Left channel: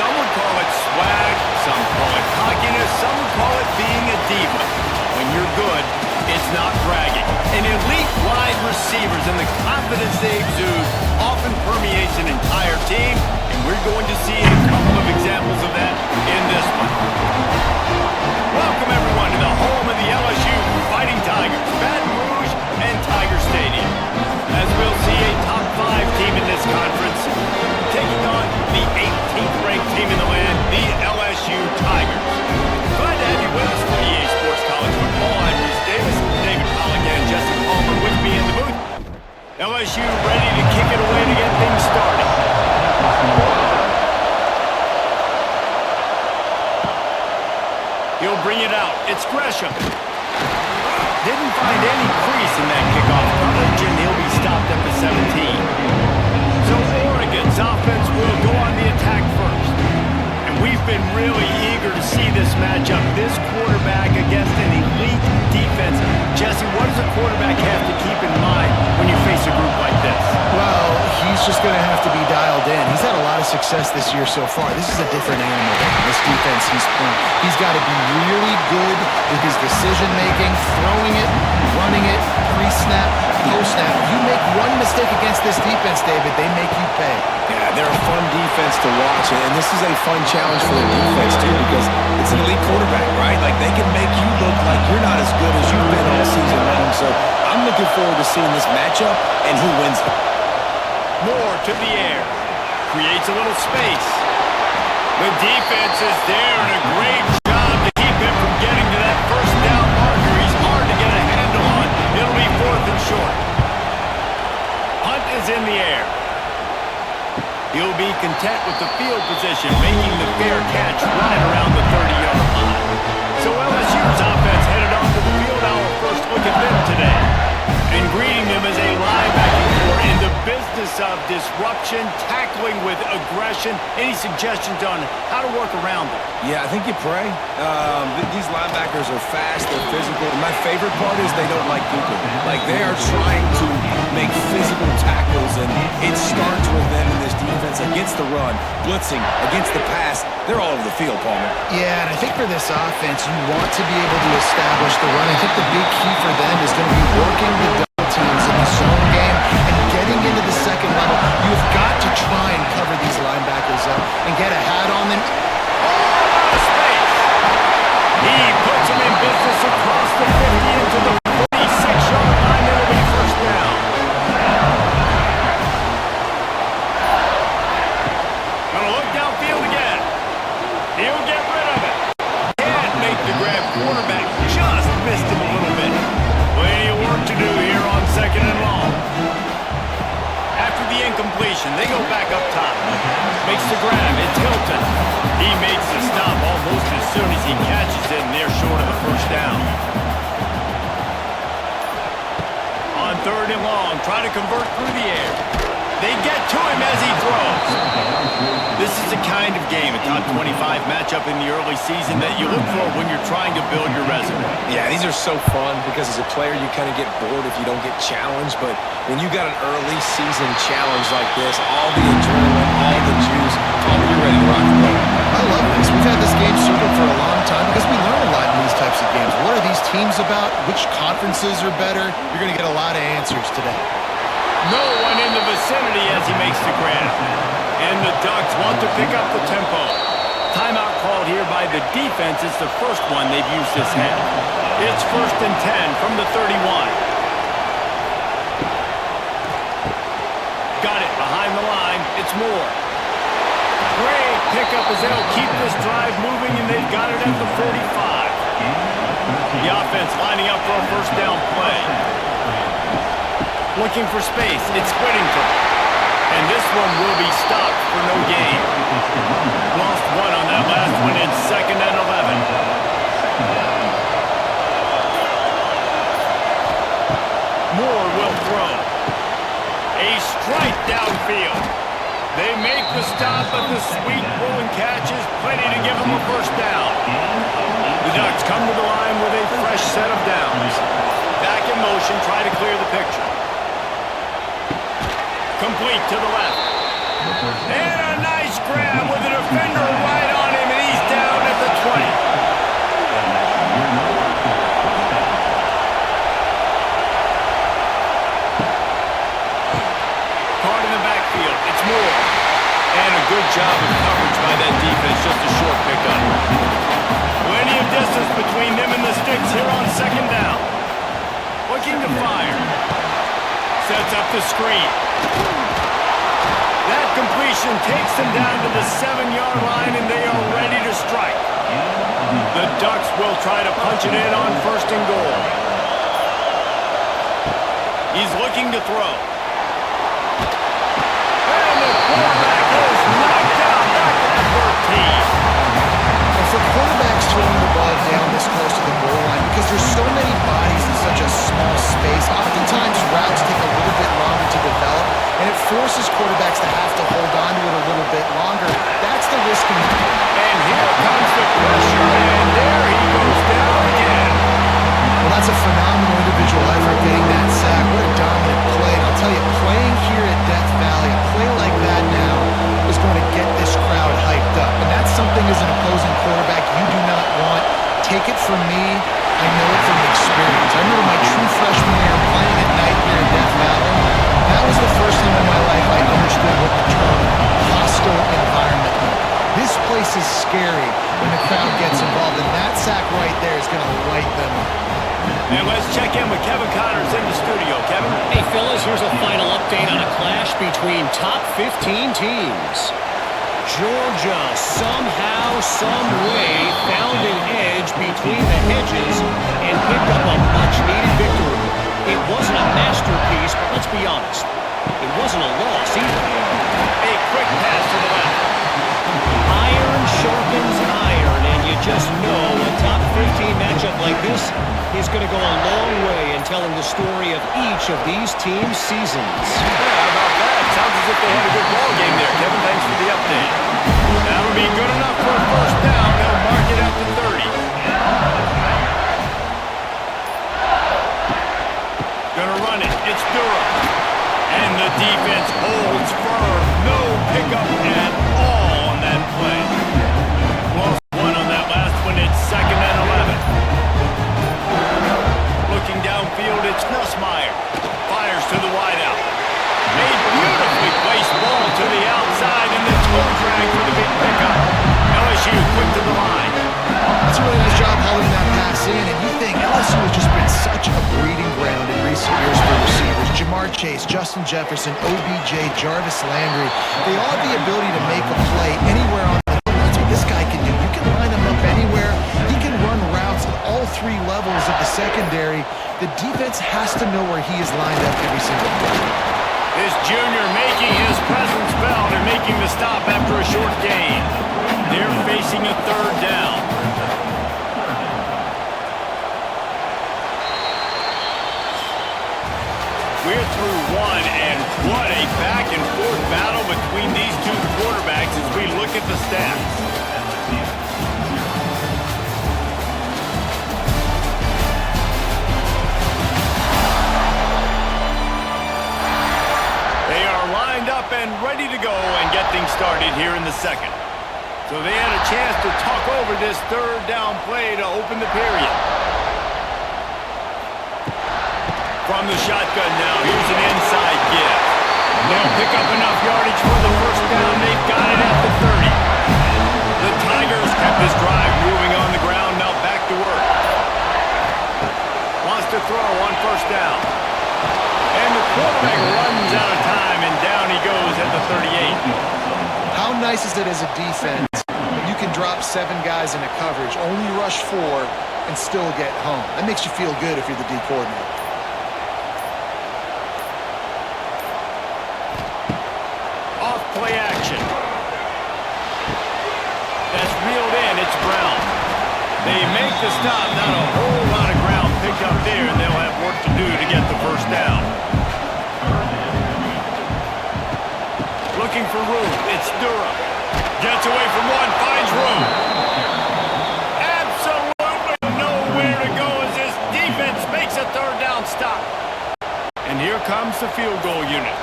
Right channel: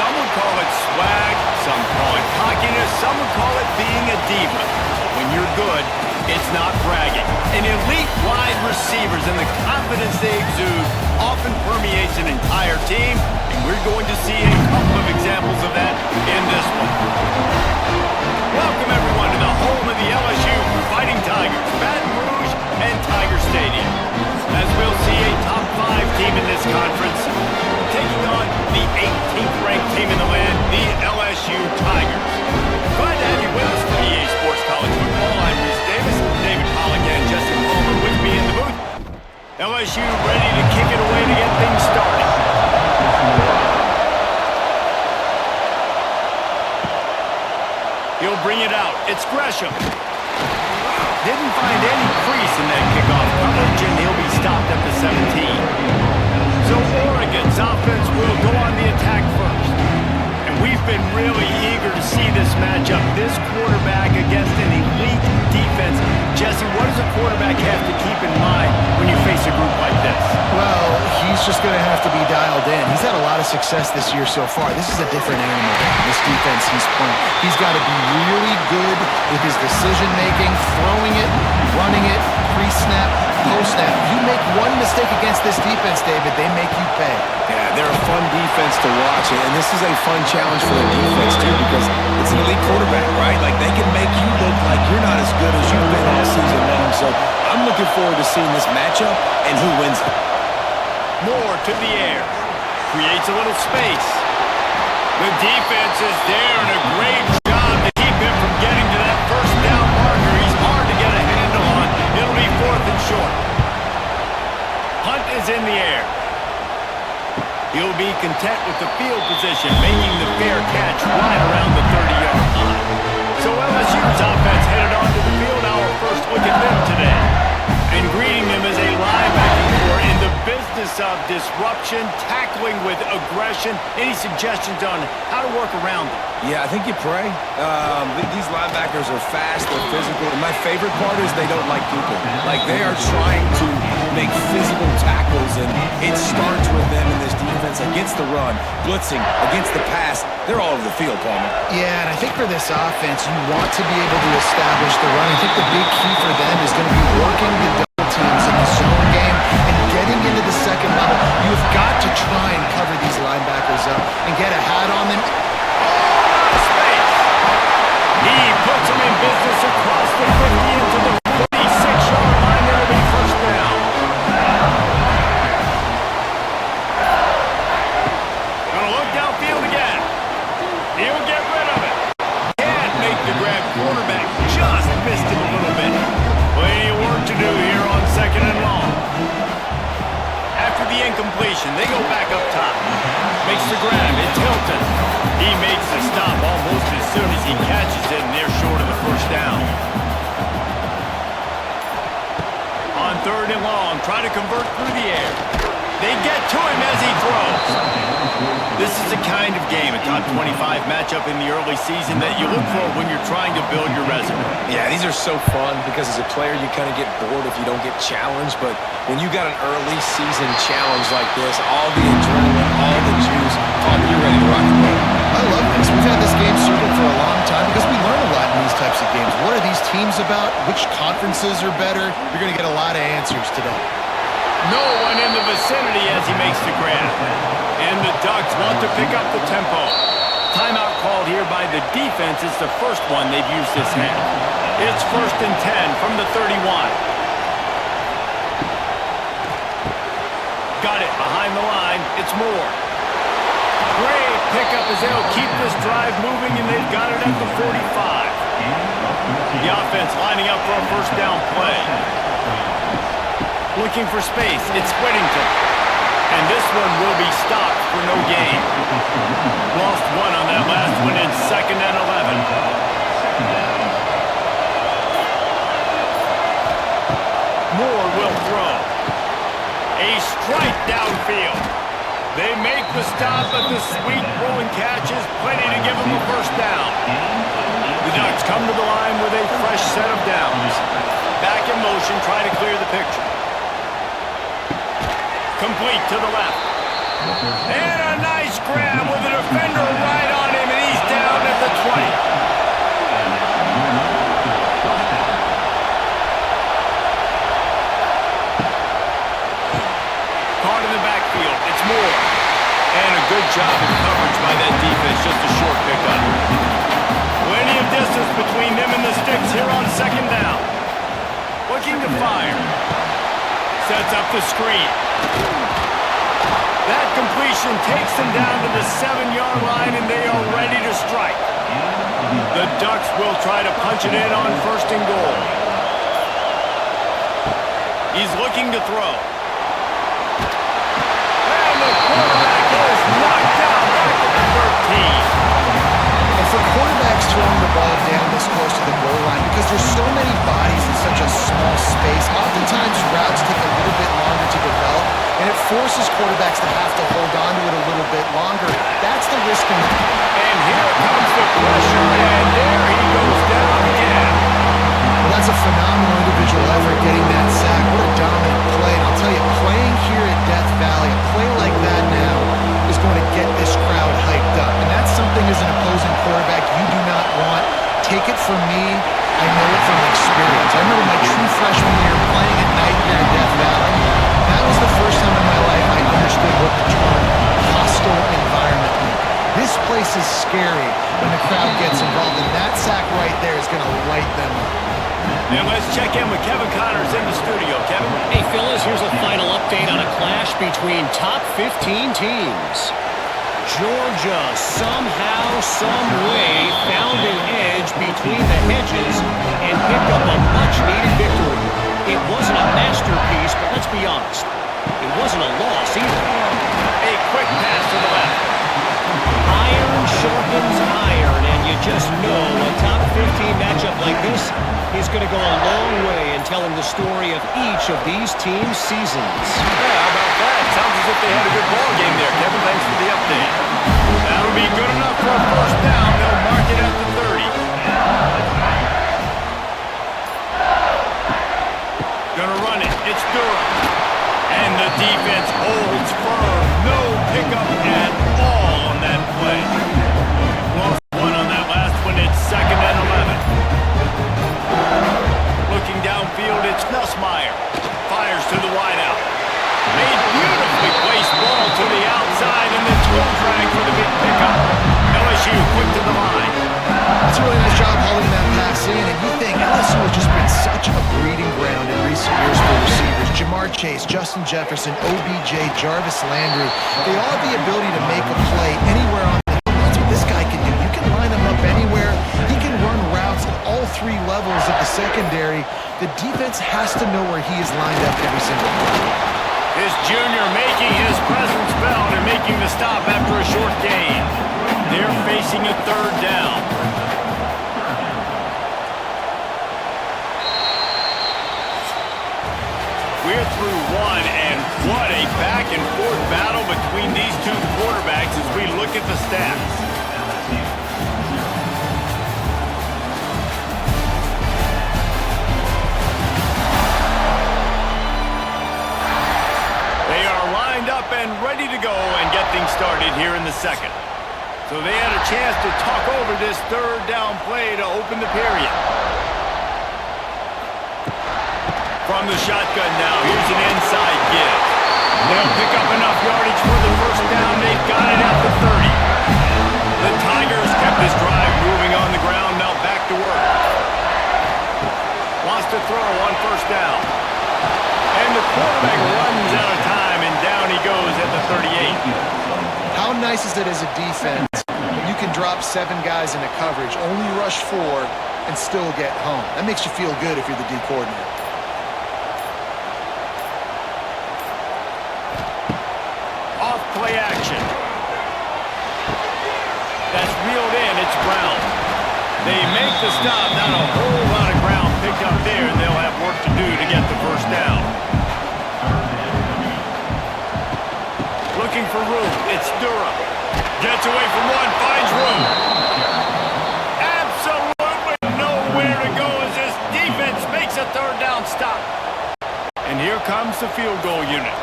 Some would call it swag, some call it cockiness, some would call it being a diva. When you're good, it's not bragging. An elite wide receivers and the confidence they exude often permeates an entire team, and we're going to see a couple of examples of that in this one. Welcome, everyone, to the home of the LSU Fighting Tigers, Baton Rouge and Tiger Stadium. As we'll see a top 5 team in this conference taking on the 18th-ranked team in the land, the LSU Tigers. Glad to have you with us for EA Sports College Football. I'm Reese Davis, David Pollack and Justin Palmer with me in the booth. LSU ready to kick it away to get things started. He'll bring it out. It's Gresham. Didn't find any crease in that kickoff coverage, and he'll be stopped at the 17. So Oregon's offense will go on the attack first. And we've been really eager to see this matchup. This quarterback against an elite defense. Jesse, what does a quarterback have to keep in mind when you face a group like this? Well, he's just going to have to be dialed in. He's had a lot of success this year so far. This is a different animal than this defense he's playing. He's got to be really good with his decision-making, throwing it, running it, pre-snap, post-snap. You make one mistake against this defense, David, they make you pay. Yeah, they're a fun defense to watch, and this is a fun challenge for the defense, too, because it's an elite quarterback, right? Like, they can make you look like you're not as good as you've been all season long. So I'm looking forward to seeing this matchup and who wins it. Moore to the air. Creates a little space. The defense is there, and a great job to keep him from getting to that first down marker. He's hard to get a handle on. It'll be 4th and short. Hunt is in the air. He'll be content with the field position, making the fair catch right around the 30-yard line. So LSU's offense headed onto the field. Our first look at them today. And greeting them as a linebacking corps in the business of disruption, tackling with aggression. Any suggestions on how to work around them? Yeah, I think you pray. These linebackers are fast, they're physical. And my favorite part is they don't like people. Like, they are trying to make physical tackles, and it starts with them in this defense against the run, blitzing, against the pass. They're all over the field, Palmer. Yeah, and I think for this offense, you want to be able to establish the run. I think the big key for them is going to be working the double teams in the zone game and getting into the second level. You've got to try and cover these linebackers up and get a hat on them. Oh, out of space. He puts him in business across the 50 into the 46-yard line. It'll be first down. Gonna look downfield again. He'll get rid of it. Can't make the grab. Quarterback just missed him a little bit. Plenty of work to do here on 2nd and long. After the incompletion, they go back up top. Makes the grab. It's Hilton. He makes the stop almost as soon as he catches it, and they're short of the first down. On 3rd and long, try to convert through the air. They get to him as he throws. This is the kind of game, a top 25 matchup in the early season, that you look for when you're trying to build your resume. Yeah, these are so fun because as a player, you kind of get bored if you don't get challenged. But when you got an early season challenge like this, all the adrenaline, all the juice, Palmer, you're ready to rock and roll. I love this. We've had this game circled for a long time because we learn a lot in these types of games. What are these teams about? Which conferences are better? You're going to get a lot of answers today. No one in the vicinity as he makes the grab. And the Ducks want to pick up the tempo. Timeout called here by the defense. It's the first one they've used this half. It's 1st and 10 from the 31. Got it behind the line. It's Moore. Great pickup as they'll keep this drive moving, and they've got it at the 45. The offense lining up for a first down play. Looking for space. It's Whittington. And this one will be stopped for no gain. Lost one on that last one in 2nd and 11. Moore will throw. A strike downfield. They make the stop, but the sweet throw and catch is plenty to give them a first down. The Ducks come to the line with a fresh set of downs. Back in motion, try to clear the picture. Complete to the left. And a nice grab with a defender good job of coverage by that defense, just a short pickup. Plenty of distance between them and the sticks here on second down. Looking to fire. Sets up the screen. That completion takes them down to the 7-yard line, and they are ready to strike. The Ducks will try to punch it in on first and goal. He's looking to throw. And the quarterback is knocked down back at the 13. And for quarterbacks throwing the ball down this close to the goal line, because there's so many bodies in such a small space, oftentimes routes take a little bit longer to develop, and it forces quarterbacks to have to hold on to it a little bit longer. That's the risk. And here comes the pressure, and there he goes down again. Well, that's a phenomenal individual effort getting that sack. What a dominant play. And I'll tell you, playing here at Death Valley, a play like that now is going to get this crowd hyped up. And that's something as an opposing quarterback you do not want. Take it from me. I know it from experience. I remember my true freshman year playing at night here at Death Valley. That was the first time in my life I understood what the term hostile environment meant. This place is scary when the crowd gets involved, and that sack right there is going to light them up. And let's check in with Kevin Connors in the studio. Kevin? Hey, Phyllis, here's a final update on a clash between top 15 teams. Georgia somehow, some way, found an edge between the hedges and picked up a much-needed victory. It wasn't a masterpiece, but let's be honest, it wasn't a loss either. A quick pass to the left. Iron sharpens iron, and you just know a top 15 matchup like this is going to go a long way in telling the story of each of these teams' seasons. Yeah, how about that? Sounds as if they had a good ball game there. Kevin, thanks for the update. That'll be good enough for a first down. They'll mark it at the 30. Gonna run it. It's Durham. And the defense holds firm. No pickup at all on that play. Lost one on that last one. It's 2nd and 11. Looking downfield, it's Nussmeier. Fires to the wideout. A beautifully placed ball to the outside, and the toe drag for the big pickup. LSU quick to the line. That's a really nice job hauling that pass in, and you think LSU has just been such a breeding ground in recent years for receivers. Jamar Chase, Justin Jefferson, OBJ, Jarvis Landry, they all have the ability to make a play anywhere on the field. That's what this guy can do. You can line him up anywhere. He can run routes at all 3 levels of the secondary. The defense has to know where he is lined up every single play. This junior making his presence felt and making the stop after a short gain. They're facing a 3rd down. We're through one, and what a back-and-forth battle between these two quarterbacks as we look at the stats. They are lined up and ready to go and get things started here in the 2nd. So they had a chance to talk over this 3rd down play to open the period. From the shotgun now, here's an inside give. They'll pick up enough yardage for the first down. They've got it at the 30. The Tigers kept this drive moving on the ground, now back to work. Wants to throw on first down. And the quarterback runs out of time, and down he goes at the 38. How nice is it as a defense when you can drop 7 guys in a coverage, only rush 4, and still get home? That makes you feel good if you're the D coordinator. Off play action. That's reeled in. It's Brown. They make the stop. Not a whole lot of ground picked up there, and they'll have work to do to get the first down. Looking for room. It's Durham. Gets away from one, finds room. Absolutely nowhere to go as this defense makes a 3rd down stop. And here comes the field goal unit.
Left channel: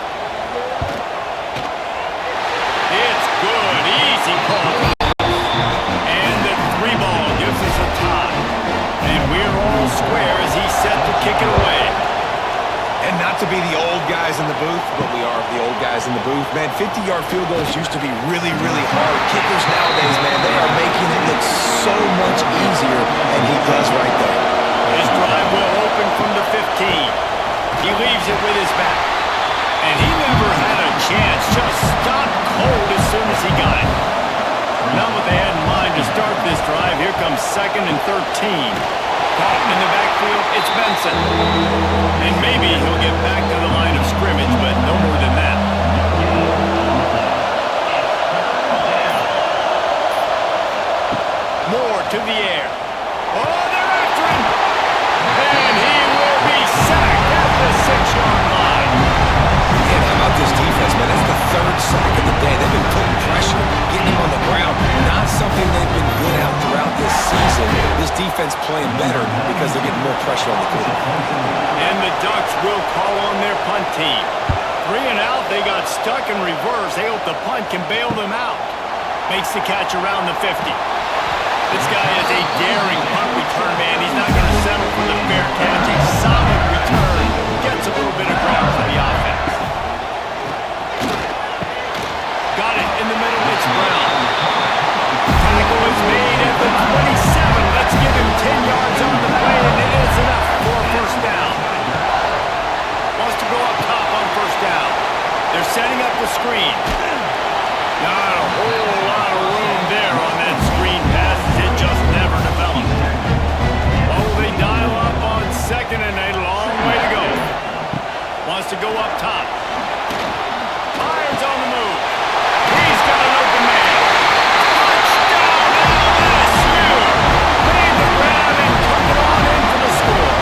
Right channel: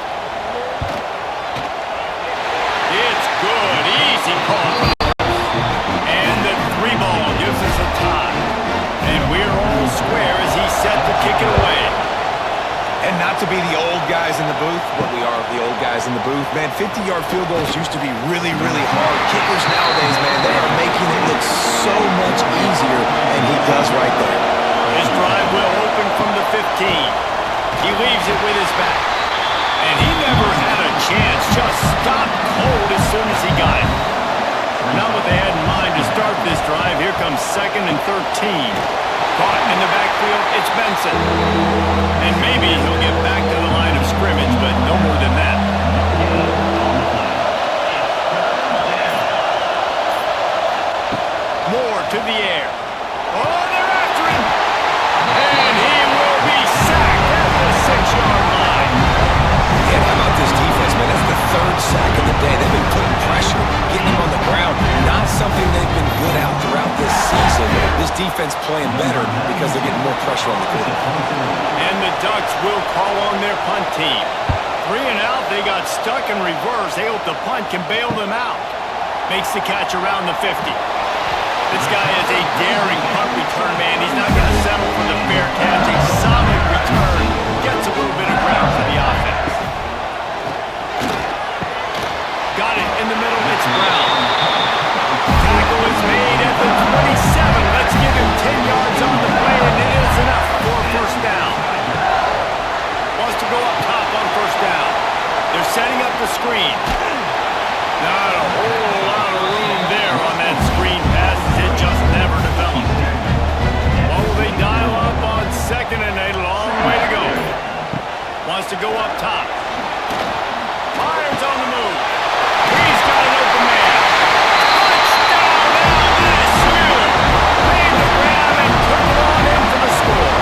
It's good. Easy call. And the 3 ball gives us a tie. And we're all square as he's set to kick it away. And not to be the old guys in the booth, but we are the old guys in the booth. Man, 50-yard field goals used to be really, really hard. Kickers nowadays, man, they are making it look so much easier, and he does right there. His drive will open from the 15. He leaves it with his back. And he never had a chance. Just stopped cold as soon as he got it. Not what they had in mind to start this drive. Here comes 2nd and 13. Caught in the backfield, it's Benson. And maybe he'll get back to the line of scrimmage, but no more than that. Moore to the air. Oh, they're after him! And he will be sacked at the 6-yard line. And how about this defense, man? That's the 3rd sack of the day. They've been putting pressure, getting him on the ground. Not something they've been good at throughout this season. This defense playing better because they're getting more pressure on the quarterback. And the Ducks will call on their punt team. 3 and out, they got stuck in reverse. They hope the punt can bail them out. Makes the catch around the 50. This guy is a daring punt return man. He's not going to settle for the fair catch. A solid return. Gets a little bit of ground for the offense. Got it in the middle, it's Brown. Tackle is made at the 27. Let's give him 10 yards on the play, and it is enough for a 1st down. Wants to go up top on 1st down. They're setting up the screen. Not a whole lot of room there on that screen pass. It just never developed. What will they dial up on 2nd and 8? A long way to go. Wants to go up top. Myers on the move. He's got an open man. Touchdown, LSU! Made the grab and took it on in for the score.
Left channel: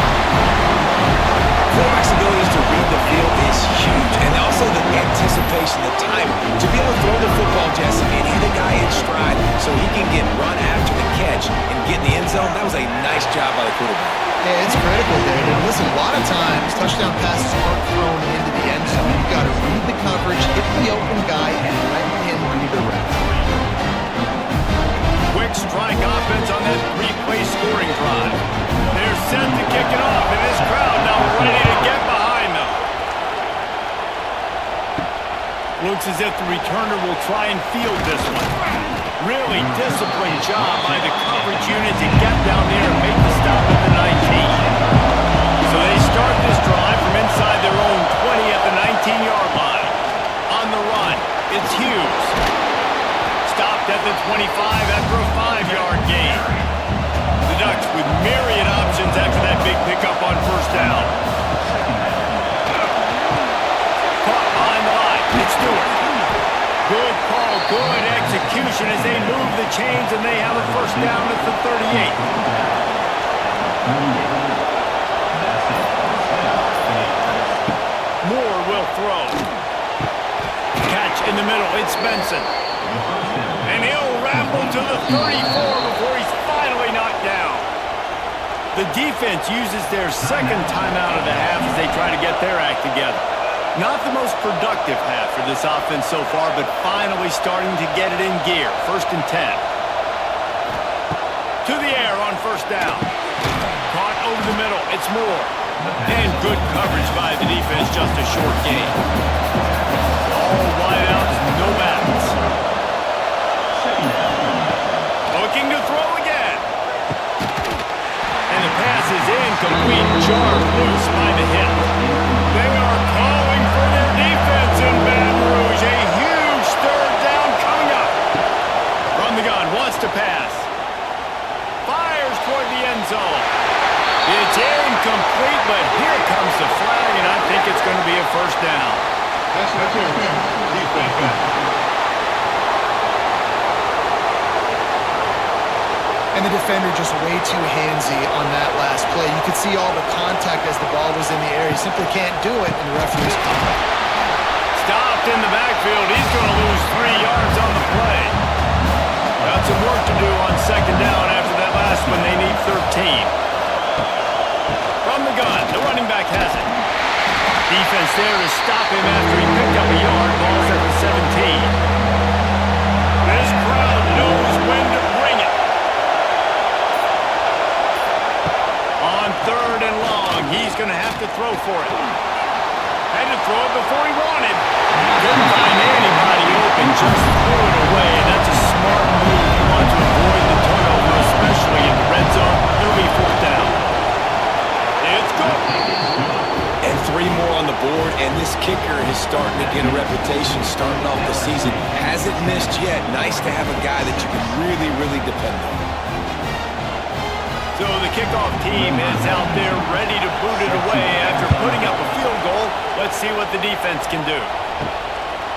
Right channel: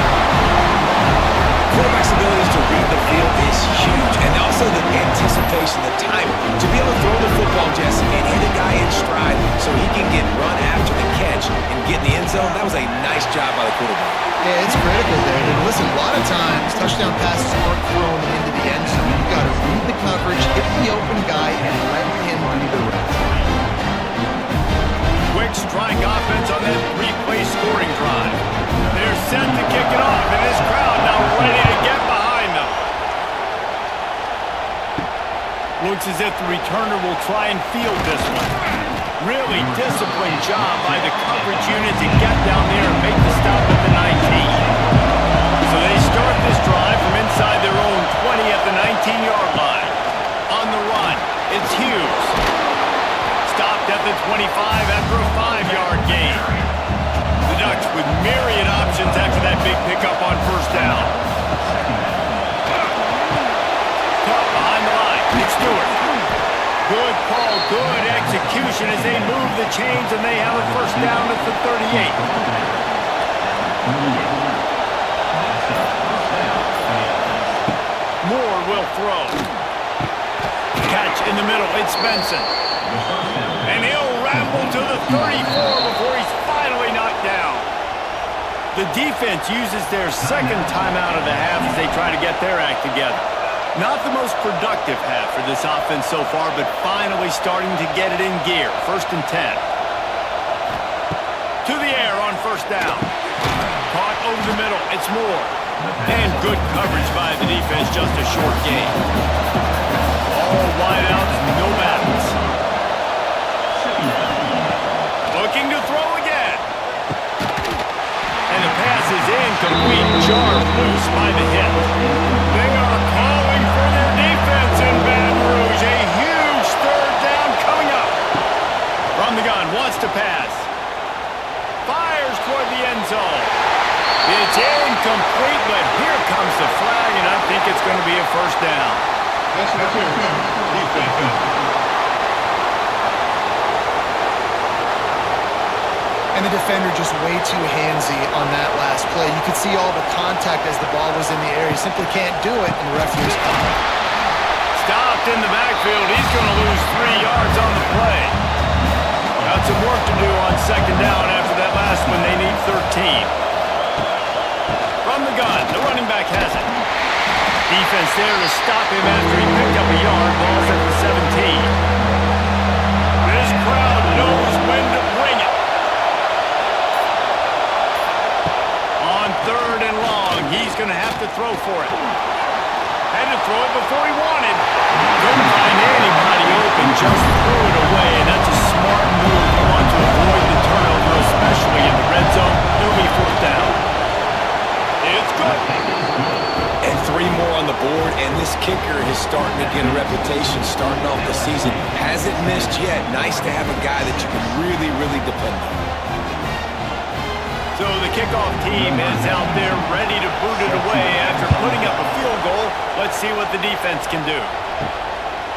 Quarterback's ability to read the field is huge. And also the anticipation, the timing. To be able to throw the football, Jesse, and hit a guy in stride so he can get run after the catch and get in the end zone, that was a nice job by the quarterback. Yeah, it's critical, David. Listen, a lot of times, touchdown passes aren't thrown into the end zone. You've got to read the coverage, hit the open guy, and let him do the rest. Quick strike offense on that 3-play scoring drive. They're set to kick it off, and this crowd now ready to get behind them. Looks as if the returner will try and field this one. Really disciplined job by the coverage unit to get down there and make the stop at the 19. So they start this drive from inside their own 20 at the 19-yard line. On the run, it's Hughes. Stopped at the 25 after a 5-yard gain. The Ducks with myriad options after that big pickup on 1st down. Caught behind the line, it's Stewart. Good call, good execution as they move the chains, and they have a 1st down at the 38. Moore will throw. Catch in the middle, it's Benson. And he'll ramble to the 34 before he's finally knocked down. The defense uses their 2nd timeout of the half as they try to get their act together. Not the most productive half for this offense so far, but finally starting to get it in gear. 1st and 10. To the air on 1st down. Caught over the middle, it's Moore. And good coverage by the defense, just a short gain. All wide out, no backs. Looking to throw again. And the pass is incomplete, jarred loose by the hit. They are calling for their defense in Baton Rouge. A huge 3rd down coming up. From the gun, wants to pass. Fires toward the end zone. It's incomplete, but here comes the flag, and I think it's going to be a 1st down. That's defense. And the defender just way too handsy on that last play. You could see all the contact as the ball was in the air. He simply can't do it, and the referee's calling. Stopped in the backfield. He's going to lose 3 yards on the play. Got some work to do on 2nd down after that last one. They need 13. From the gun, the running back has it. Defense there to stop him after he picked up a yard. Ball's at the 17. This crowd knows when to bring it. On 3rd and long, he's going to have to throw for it. Had to throw it before he wanted. Couldn't find anybody open, just threw it away, and that's a smart move. You want to avoid the turnover, especially in the red zone. It'll be fourth down. It's good. And 3 more on the board, and this kicker is starting to get a reputation starting off the season. Hasn't missed yet. Nice to have a guy that you can really, really depend on. So the kickoff team is out there ready to boot it away after putting up a field goal. Let's see what the defense can do.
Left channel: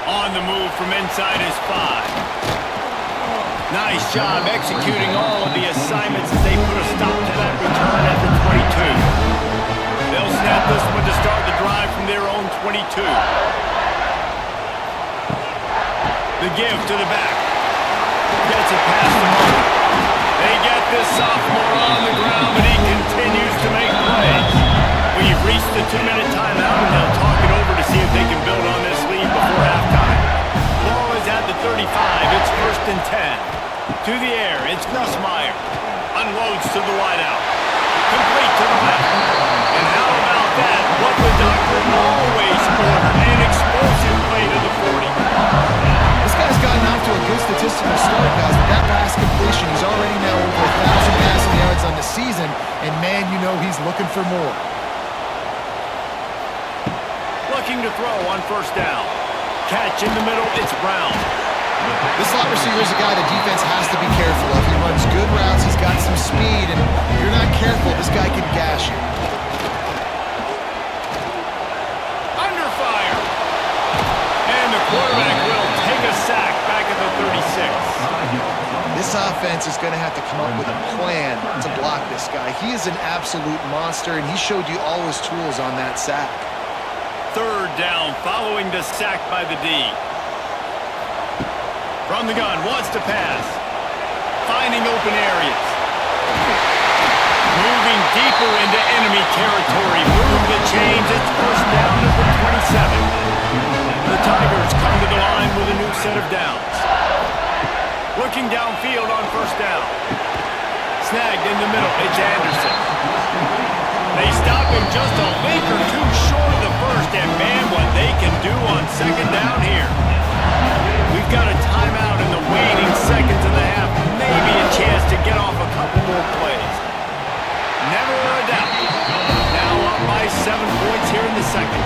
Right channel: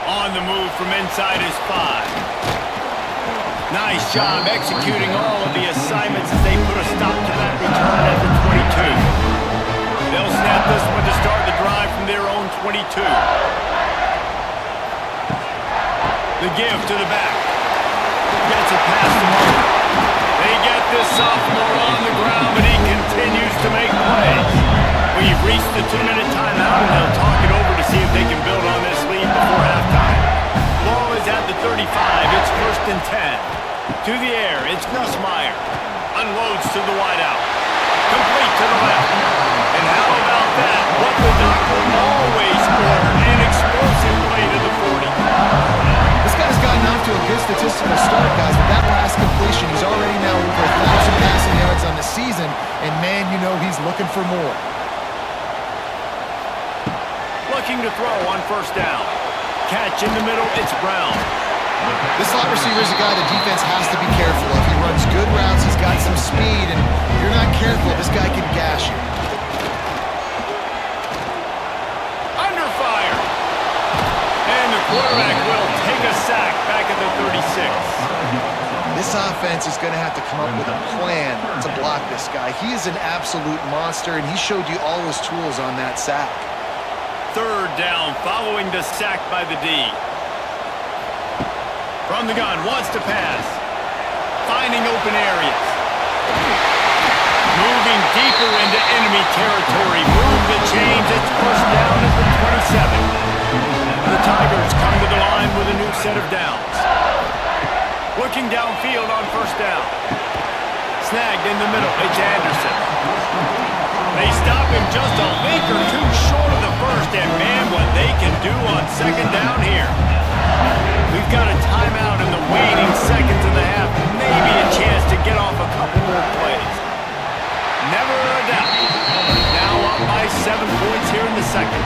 On the move from inside his 5. Nice job executing all of the assignments as they put a stop to that return at the 22. They'll snap this one to start the drive from their own 22. The give to the back. Gets it past the marker. They get this sophomore on the ground, but he continues to make plays. We've reached the 2-minute timeout, and they'll talk it over to see if they can build on this lead before halftime. Ball is at the 35. It's 1st and 10. To the air, it's Nussmeier. Unloads to the wideout. Complete to the left. And how about that? What the doctor always ordered. An explosive play to the 40. This guy's gotten off to a good statistical start, guys. With that last completion, he's already now over 1,000 passing yards on the season. And, man, you know he's looking for more. Looking to throw on 1st down. Catch in the middle, it's Brown. This slot receiver is a guy the defense has to be careful of. He runs good routes, he's got some speed, and if you're not careful, this guy can gash you. Under fire. And the quarterback will take a sack back at the 36. This offense is going to have to come up with a plan to block this guy. He is an absolute monster, and he showed you all his tools on that sack. 3rd down following the sack by the D. From the gun, wants to pass. Finding open areas. Moving deeper into enemy territory. Move the chains. It's 1st down at the 27. The Tigers come to the line with a new set of downs. Looking downfield on 1st down. Snagged in the middle. It's Anderson. They stop him just a link or two short of the 1st, and man, what they can do on 2nd down here. We've got a timeout in the waning seconds of the half. Maybe a chance to get off a couple more plays. Never a doubt. Now up by 7 points here in the 2nd.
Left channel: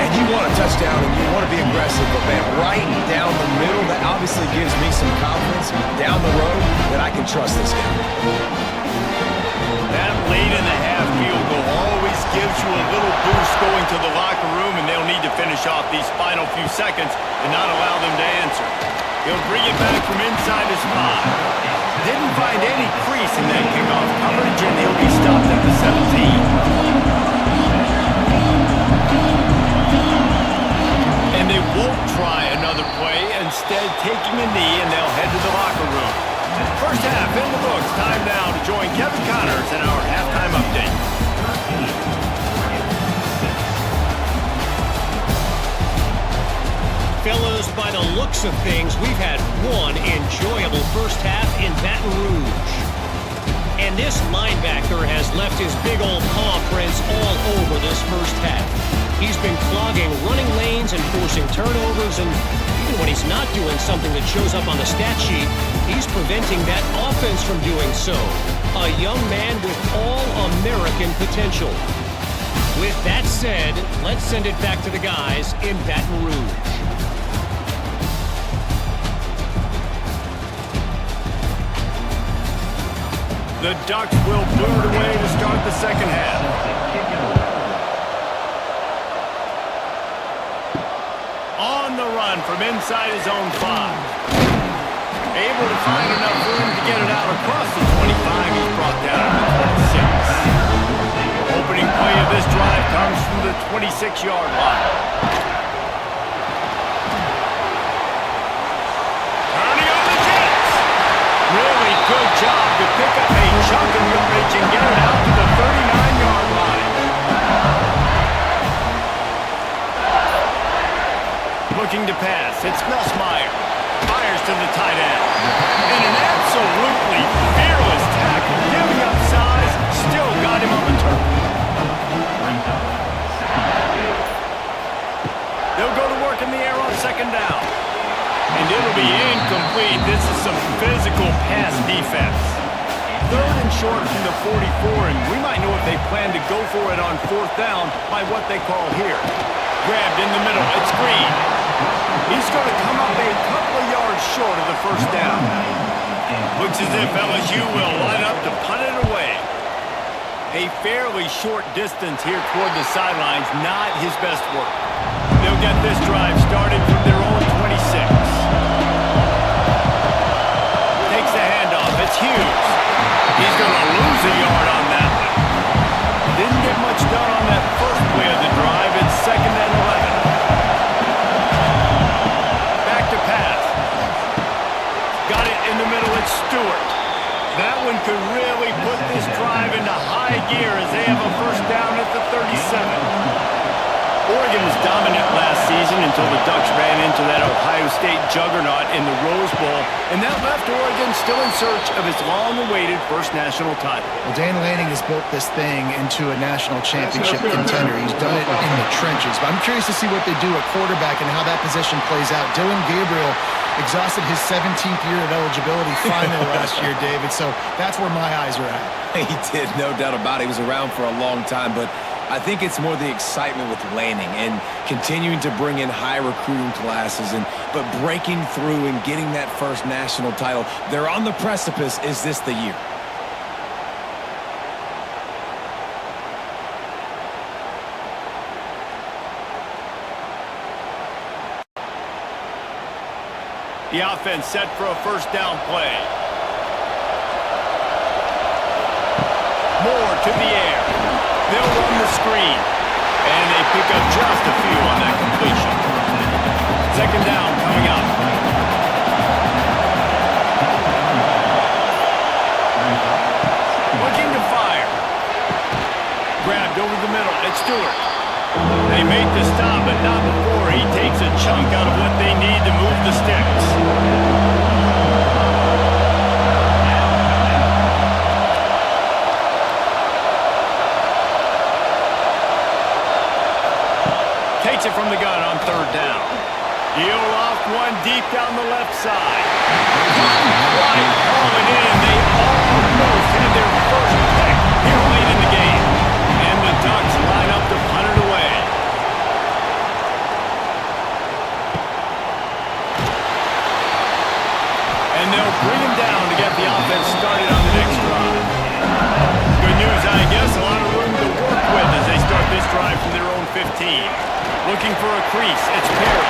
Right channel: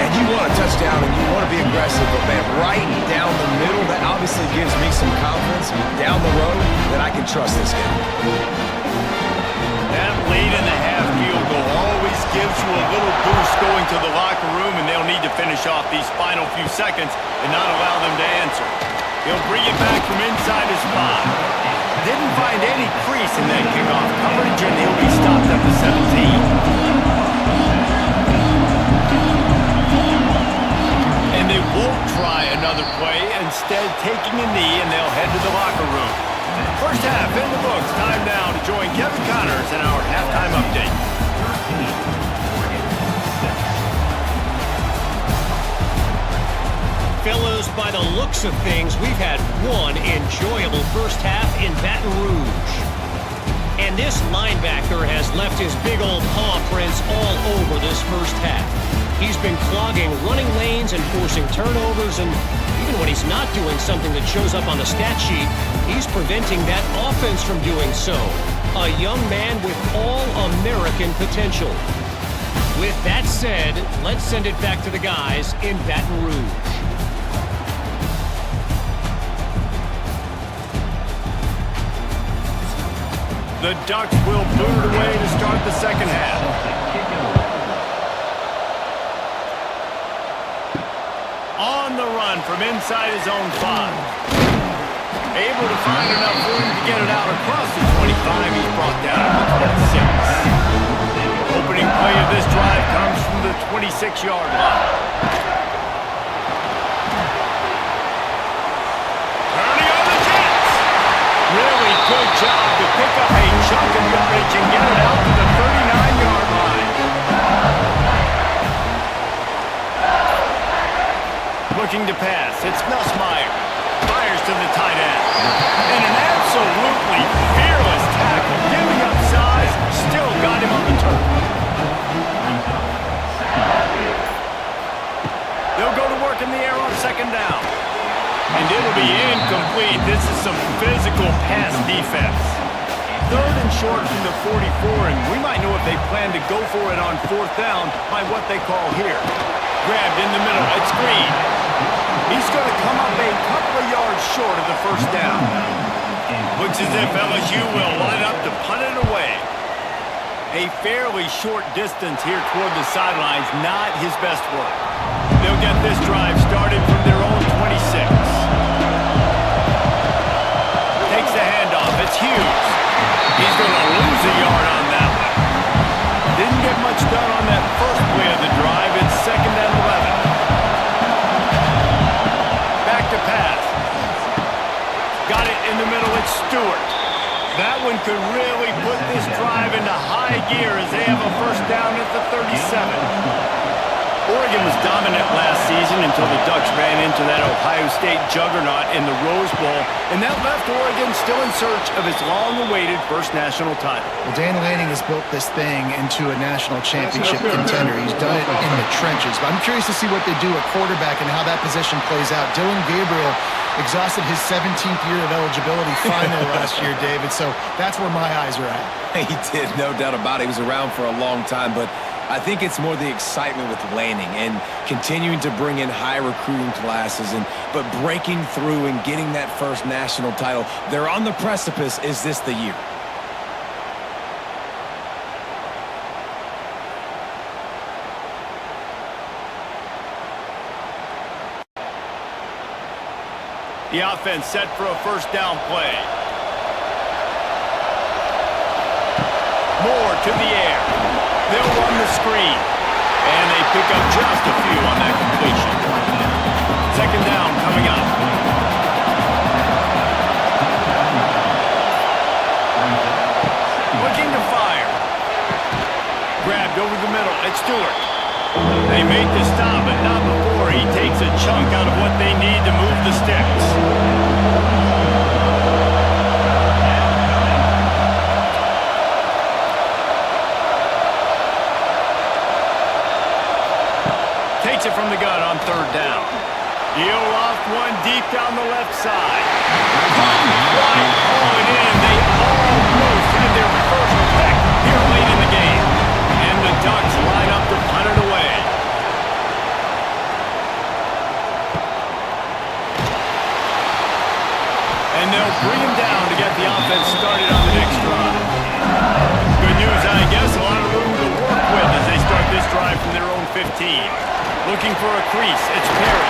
And you want a touchdown and you want to be aggressive, but man, right down the middle, that obviously gives me some confidence down the road that I can trust this guy. That late in the half field goal always gives you a little boost going to the locker room, and they'll need to finish off these final few seconds and not allow them to answer. He'll bring it back from inside his 5. Didn't find any crease in that kickoff coverage, and he'll be stopped at the 17. And they won't try another play, instead taking a knee, and they'll head to the locker room. 1st half in the books. Time now to join Kevin Connors in our halftime update. Fellas, by the looks of things, we've had one enjoyable 1st half in Baton Rouge. And this linebacker has left his big old paw prints all over this 1st half. He's been clogging running lanes and forcing turnovers, and even when he's not doing something that shows up on the stat sheet, he's preventing that offense from doing so. A young man with all-American potential. With that said, let's send it back to the guys in Baton Rouge. The Ducks will boot away to start the 2nd half. On the run from inside his own 5. Able to find enough room to get it out across the 25. He's brought down to the 26. Opening play of this drive comes from the 26-yard line. Turning on the Jets. Really good job to pick up a chunk of yardage and get it out to the 39-yard line. Looking to pass. It's Nussmeier. Fires to the tight end. And an absolutely fearless tackle. Giving up size. Still got him on the turf. back in the air on second down. And it'll be incomplete. This is some physical pass defense. Third and short from the 44, and we might know if they plan to go for it on fourth down by what they call here. Grabbed in the middle. It's Green. He's going to come up a couple of yards short of the first down. Looks as if LSU will line up to punt it away. A fairly short distance here toward the sidelines, not his best work. They'll get this drive started from their own 26. Takes the handoff. It's Hughes. He's going to lose a yard on that one. Didn't get much done on that first play of the drive. It's second and 11. Back to pass. Got it in the middle. It's Stewart. That one could really put this drive into high gear as they have a first down at the 37. Oregon was dominant last season until the Ducks ran into that Ohio State juggernaut in the Rose Bowl, and that left Oregon still in search of its long-awaited first national title. Well, Dan Lanning has built this thing into a national championship contender. He's done it in the trenches. But I'm curious to see what they do at quarterback and how that position plays out. Dylan Gabriel exhausted his 17th year of eligibility finally last year, David, so that's where my eyes are at. He did, no doubt about it. He was around for a long time, but I think it's more the excitement with Lanning and continuing to bring in high recruiting classes, but breaking through and getting that first national title. They're on the precipice. Is this the year? The offense set for a first down play. Moore to the air. They'll run the screen. And they pick up just a few on that completion. Second down coming up. Looking to fire. Grabbed over the middle. It's Stewart. They make the stop, but not before he takes a chunk out of what they need to move the sticks. Takes it from the gun on third down. Deal off one deep down the left side. Couldn't quite haul it in. They almost had their first pick here late in the game. And the Ducks line up to punt it away. And they'll bring him down to get the offense started on the next drive. Good news, I guess. A lot of room to work with as they start this drive from their own 15. Looking for a crease. It's Perry.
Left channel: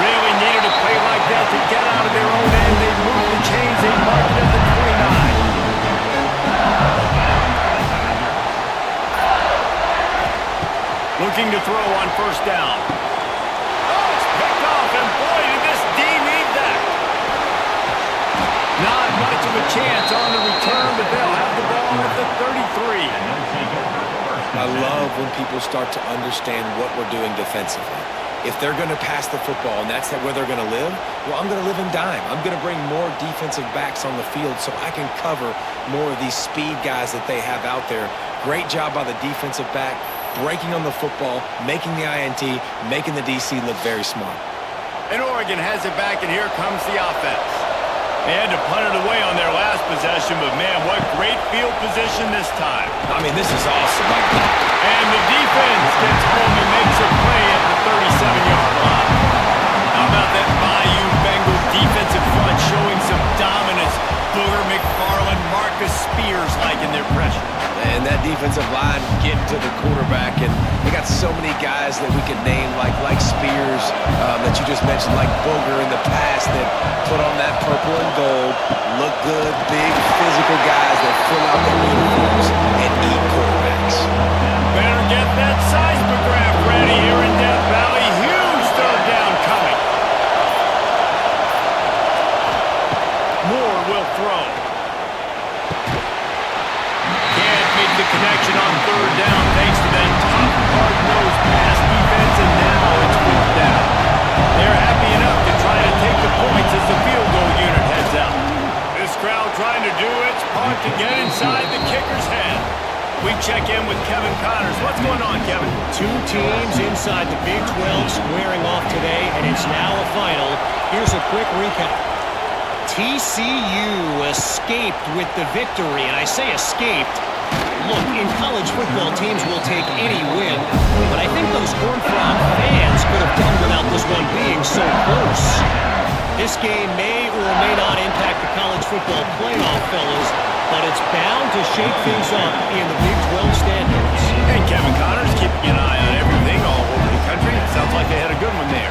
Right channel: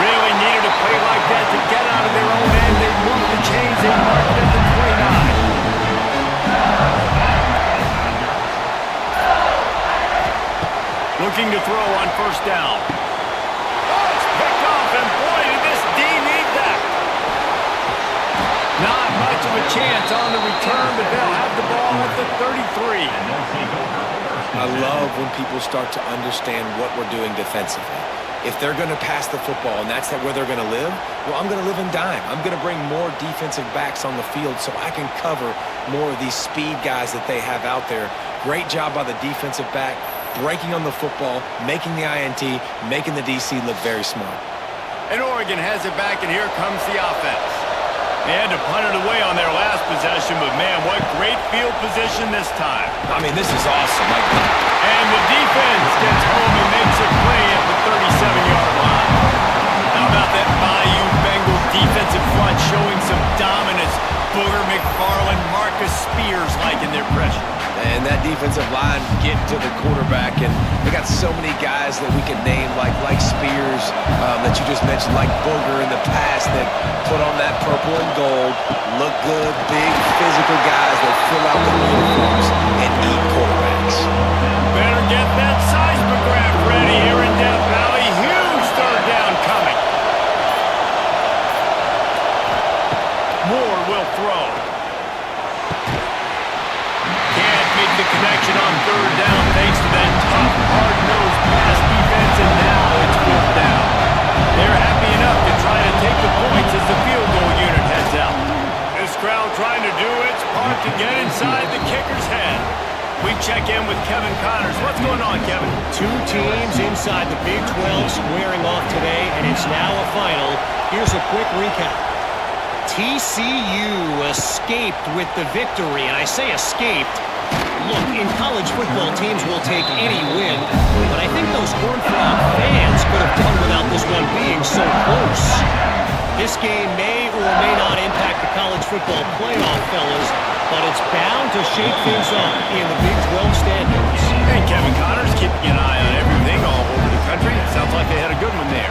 Really needed a play like that to get out of their own end. They moved the chains. They marked it at the 29. Looking to throw on first down. Oh, it's picked off, and boy, did this D need that. Not much of a chance on the return, but they'll have the ball at the 33. I love when people start to understand what we're doing defensively. If they're going to pass the football and that's where they're going to live, well, I'm going to live in dime. I'm going to bring more defensive backs on the field so I can cover more of these speed guys that they have out there. Great job by the defensive back, breaking on the football, making the INT, making the DC look very smart. And Oregon has it back, and here comes the offense. They had to punt it away on their last possession, but man, what great field position this time. I mean, this is awesome. And the defense gets home and makes a play at the 37-yard line. How about that Bayou Bengal defensive front showing some dominance? Booger McFarland, Marcus Spears liking their pressure. And that defensive line getting to the quarterback, and they got so many guys that we could name like Spears that you just mentioned, like Booger in the past, that put on that purple and gold, look good, big physical guys that fill out their uniforms and eat quarterbacks. Better get that seismograph ready here in Death Valley. Huge third down coming. Moore will throw. Can't make the connection on third down thanks to that tough, hard-nosed pass defense, and now it's fourth down. They're happy enough to try to take the points as the field goal unit heads out. This crowd trying to do its part to get inside the kicker's head. We check in with Kevin Connors. What's going on, Kevin? Two teams inside the Big 12 squaring off today, and it's now a final. Here's a quick recap. TCU escaped with the victory, and I say escaped. Look, in college football, teams will take any win, but I think those Horned Frog fans could have done without this one being so close. This game may or may not impact the college football playoff, fellas, but it's bound to shake things up in the Big 12 standards. And Kevin Connors keeping an eye on everything all over the country. Sounds like they had a good one there.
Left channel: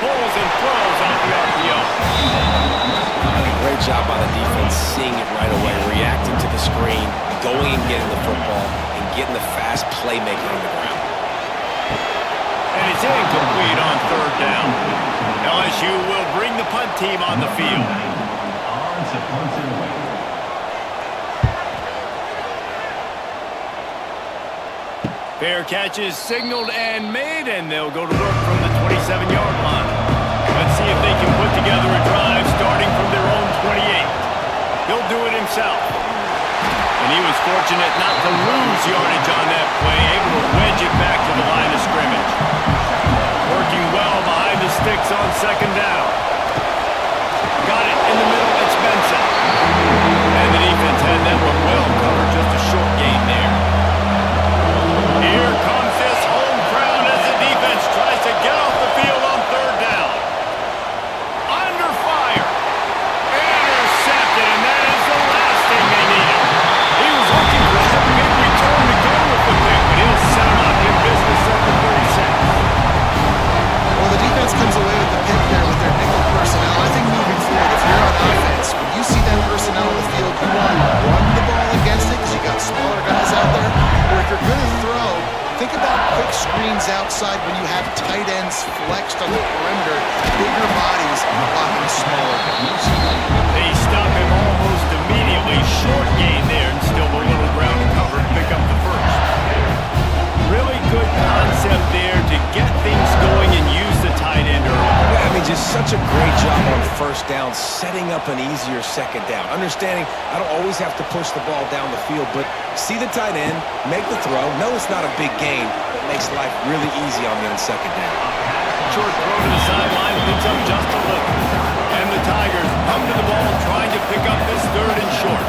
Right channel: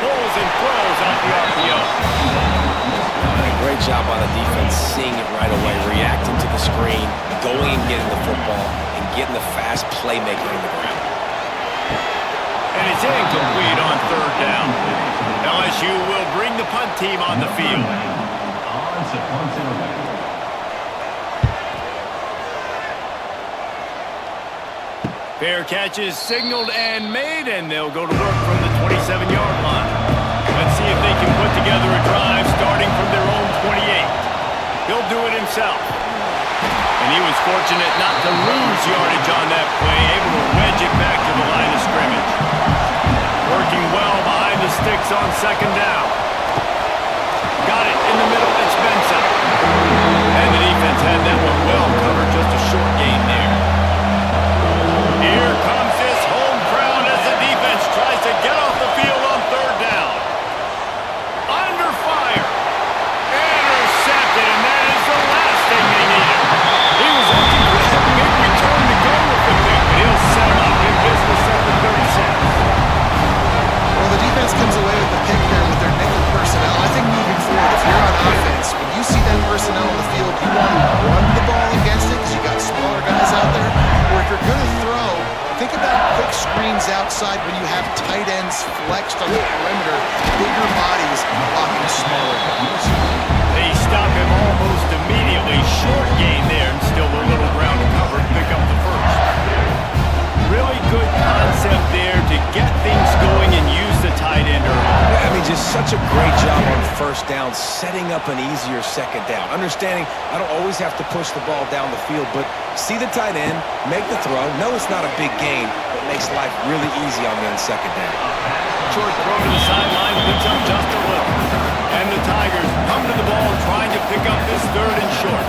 Pulls and throws off the RPO. Great job by the defense, seeing it right away, reacting to the screen, going and getting the football, and getting the fast playmaker on the ground. And it's incomplete on third down. LSU will bring the punt team on the field. Fair catch is signaled and made, and they'll go to work from the 27-yard line. Let's see if they can put together a drive starting from their own 28. He'll do it himself. And he was fortunate not to lose yardage on that play, able to wedge it back to the line of scrimmage. Working well behind the sticks on second down. Got it in the middle, it's Benson. And the defense had that one well covered, just a short gain there. Here comes this home crowd as the defense tries to get off the field on third down. Under fire. Intercepted, and that is the last thing they needed. He was looking for that big return to go with the pick, but he'll set him up in business at the 36. Well, the defense comes away with the pick there with their nickel personnel. I think moving forward, if you're on offense, when you see that personnel on the field, you want to run the ball against it because you got smaller guys out there. Or if you're going to throw, think about quick screens outside when you have tight ends flexed on the perimeter, bigger bodies blocking smaller guys. They stop him almost immediately. Short gain there, and still a little ground to cover and pick up the first. Really good concept there to get things going and use the tight end early. Yeah, I mean, just such a great job on first down, setting up an easier second down. Understanding I don't always have to push the ball down the field, but see the tight end, make the throw. No, it's not a big gain, but makes life really easy on me on second down. Short throw to the sideline, picks up just a little. And the Tigers come to the ball trying to pick up this third and short.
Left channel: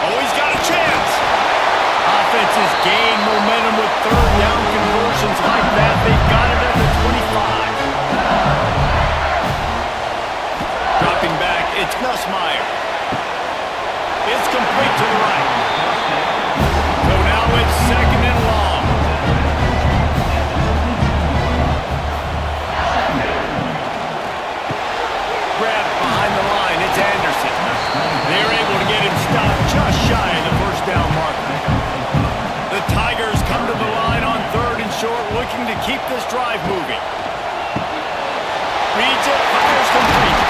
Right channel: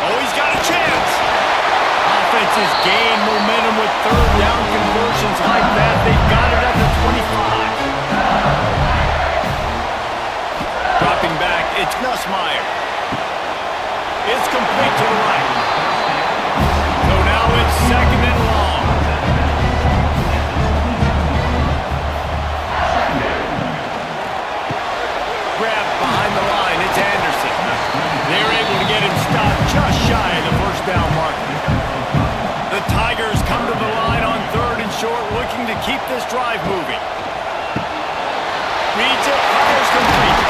Oh, he's got a chance. Offenses gain momentum with third down conversions like that. They've got it at the 25. Dropping back, it's Nussmeier. It's complete to the right. So now it's second and long. Grabbed behind the line, it's Anderson. They're able to get him stopped just shy of the first down marker. The Tigers come to the line on third and short, looking to keep this drive moving. Reads it, fires complete.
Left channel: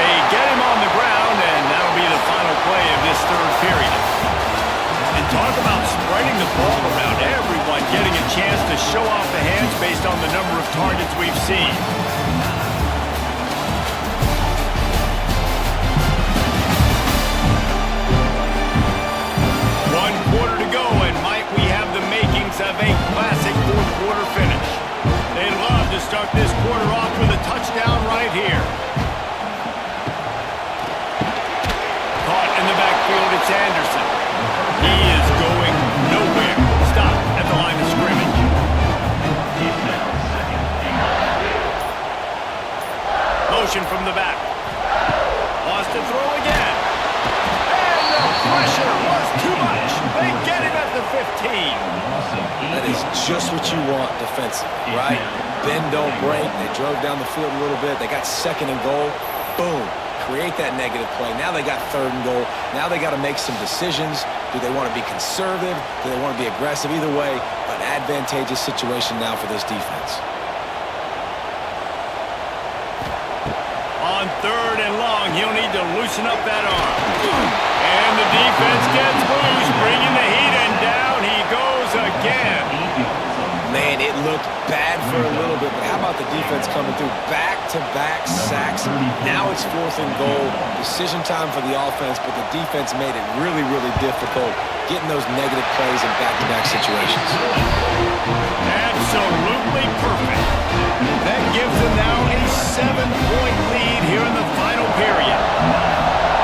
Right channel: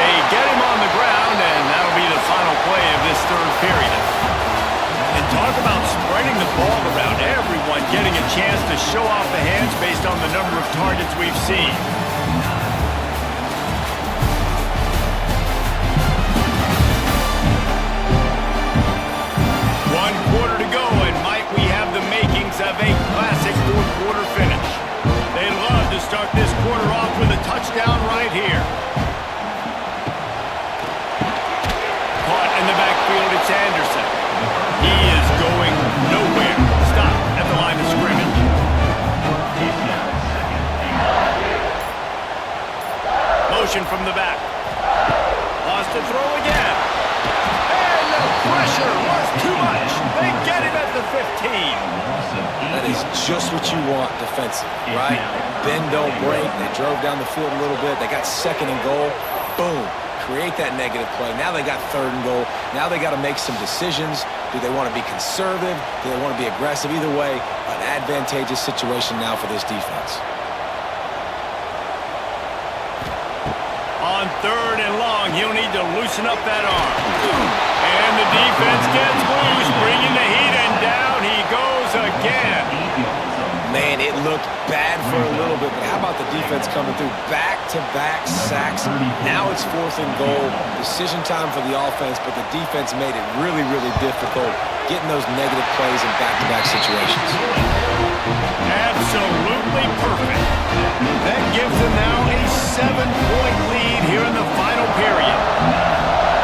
They get him on the ground, and that'll be the final play of this third period. And talk about spreading the ball around, everyone getting a chance to show off the hands based on the number of targets we've seen. One quarter to go, and might we have the makings of a classic fourth quarter finish. They'd love to start this quarter off with a touchdown right here. Caught in the backfield, it's Anderson. He is going nowhere. Stop at the line of scrimmage. Motion from the back. Lost to throw again. And the pressure was too much. They get him at the 15. That is just what you want defensively, right? Bend, don't break. They drove down the field a little bit. They got second and goal. Boom. Create that negative play. Now they got third and goal. Now they got to make some decisions. Do they want to be conservative? Do they want to be aggressive? Either way, an advantageous situation now for this defense. On third and long, he'll need to loosen up that arm. And the defense gets loose, bringing the heat, and down he goes again. Man, it looked bad for a little bit, but how about the defense coming through? Back-to-back sacks. Now it's 4th and goal. Decision time for the offense, but the defense made it really, really difficult getting those negative plays in back-to-back situations. Absolutely perfect. That gives them now a 7-point lead here in the final period.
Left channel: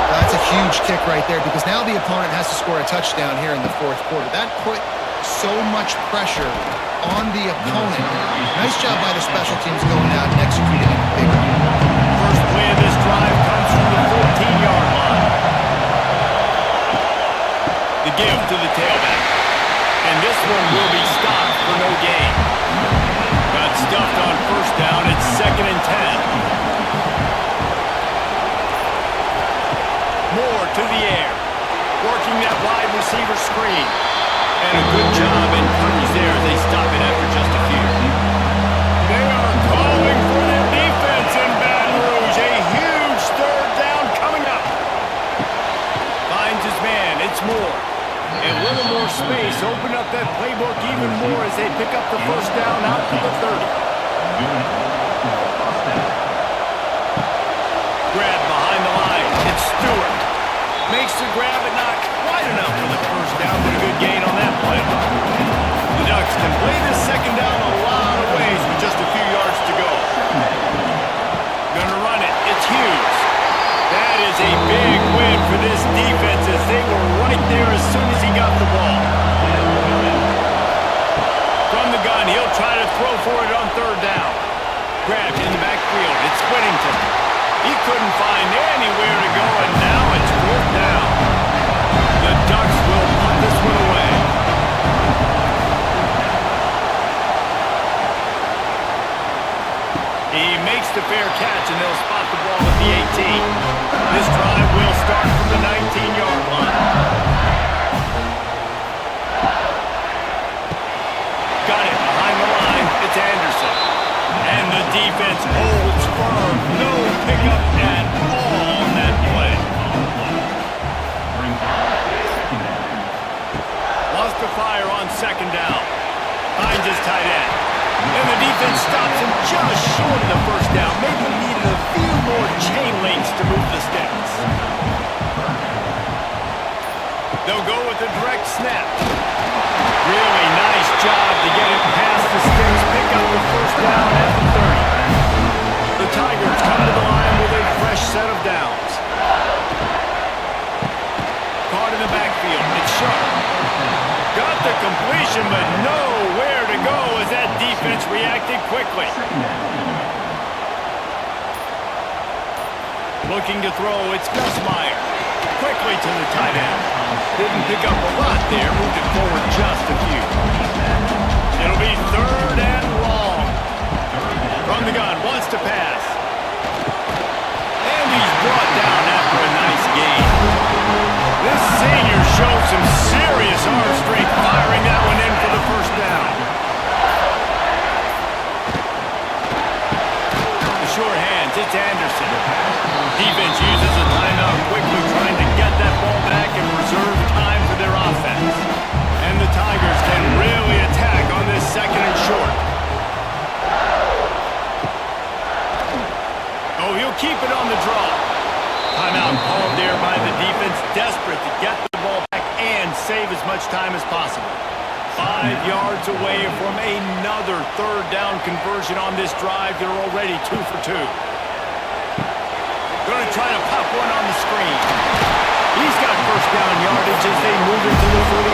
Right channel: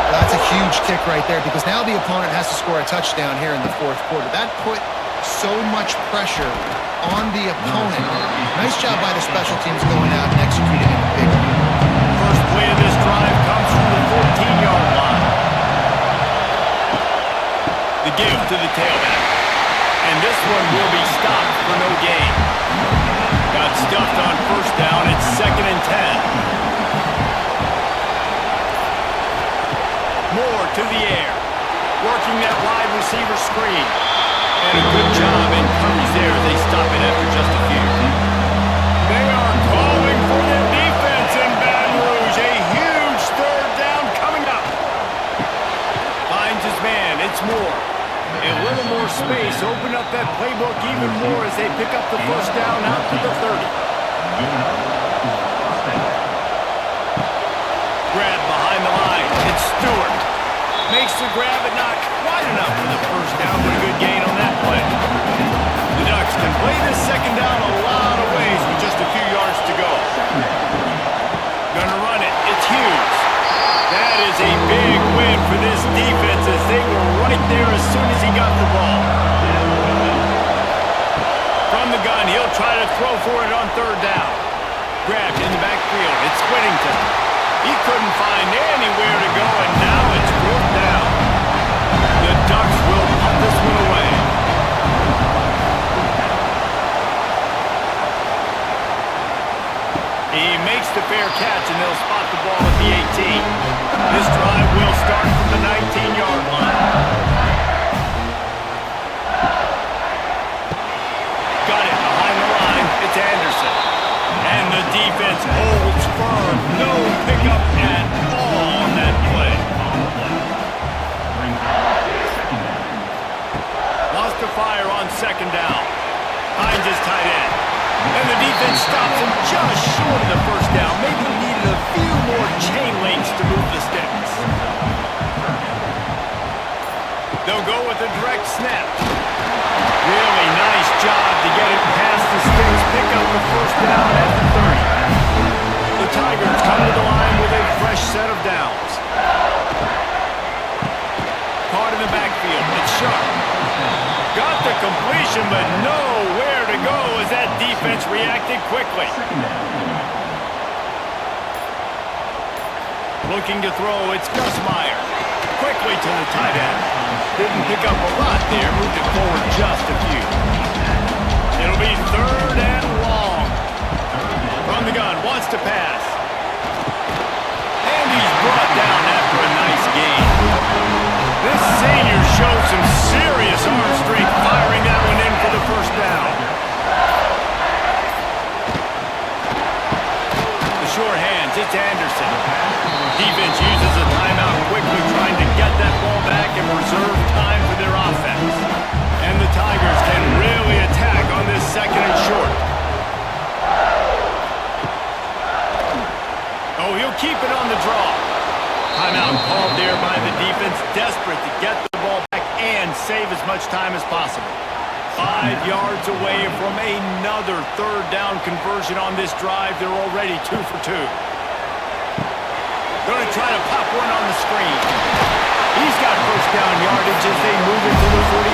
Well, that's a huge kick right there because now the opponent has to score a touchdown here in the 4th quarter. That put so much pressure on the opponent. Nice job by the special teams going out and executing it big. First play of this drive comes from the 14-yard line. The give to the tailback. And this one will be stopped for no gain. Got stuffed on 1st down. It's 2nd and 10. Moore to the air. Working that wide receiver screen. And a good job in coverage there as they stop it after just a few. They are calling for their defense in Baton Rouge. A huge 3rd down coming up. Finds his man. It's Moore. A little more space. Open up that playbook even more as they pick up the 1st down out to the 30. Grab behind the line. It's Stewart. Makes the grab, but not quite enough for the 1st down, but a good gain on that play. The Ducks can play this 2nd down a lot of ways with just a few yards to go. Gonna run it. It's Hughes. That is a big win for this defense as they were right there as soon as he got the ball. From the gun, he'll try to throw for it on 3rd down. Grabbed in the backfield. It's Whittington. He couldn't find anywhere to go, and now it's 4th down. The Ducks will punt this one away. He makes the fair catch, and they'll spot the ball at the 18. This drive will start from the 19-yard line. Got it behind the line. It's Anderson. And the defense holds firm. No pickup at all on that play. Wants to fire on 2nd down. Finds his tight end. And the defense stops him just short of the 1st down. Maybe needed a few more chain links to move the sticks. They'll go with a direct snap. Really nice job to get it past the sticks. Pick up the 1st down at the 30. The Tigers come to the line with a fresh set of downs. Caught in the backfield. It's Sharp. Got the completion, but nowhere to go as that defense reacted quickly. Looking to throw, it's Gus Meyer. Quickly to the tight end. Didn't pick up a lot there, moved it forward just a few. It'll be 3rd and long. From the gun, wants to pass. And he's brought down after a nice gain. This senior showed some serious arm strength firing that one in for the 1st down. The short hands, it's Anderson. Defense uses a timeout quickly, trying to get that ball back and preserve time for their offense. And the Tigers can really attack on this 2nd and short. Oh, he'll keep it on the draw. Timeout called there by the defense, desperate to get the ball back and save as much time as possible. 5 yards away from another 3rd down conversion on this drive. They're already 2 for 2. Going to try to pop one on the screen. He's got 1st down yardage as they move it to the 44.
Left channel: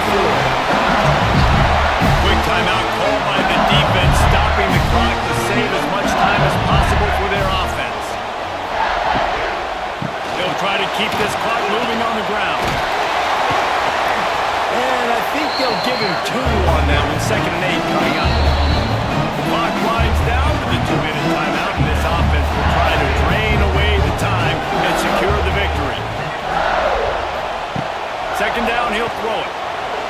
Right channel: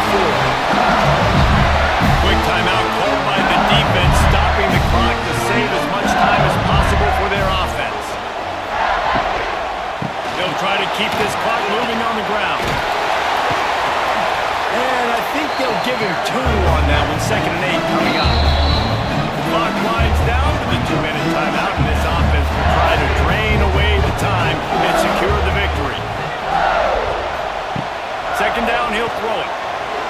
Quick timeout called by the defense, stopping the clock to save as much time as possible for their offense. They'll try to keep this clock moving on the ground. And I think they'll give him 2 on that one, 2nd and 8 coming up. The clock winds down to the 2-minute timeout, and this offense will try to drain away the time and secure the victory. 2nd down, he'll throw it.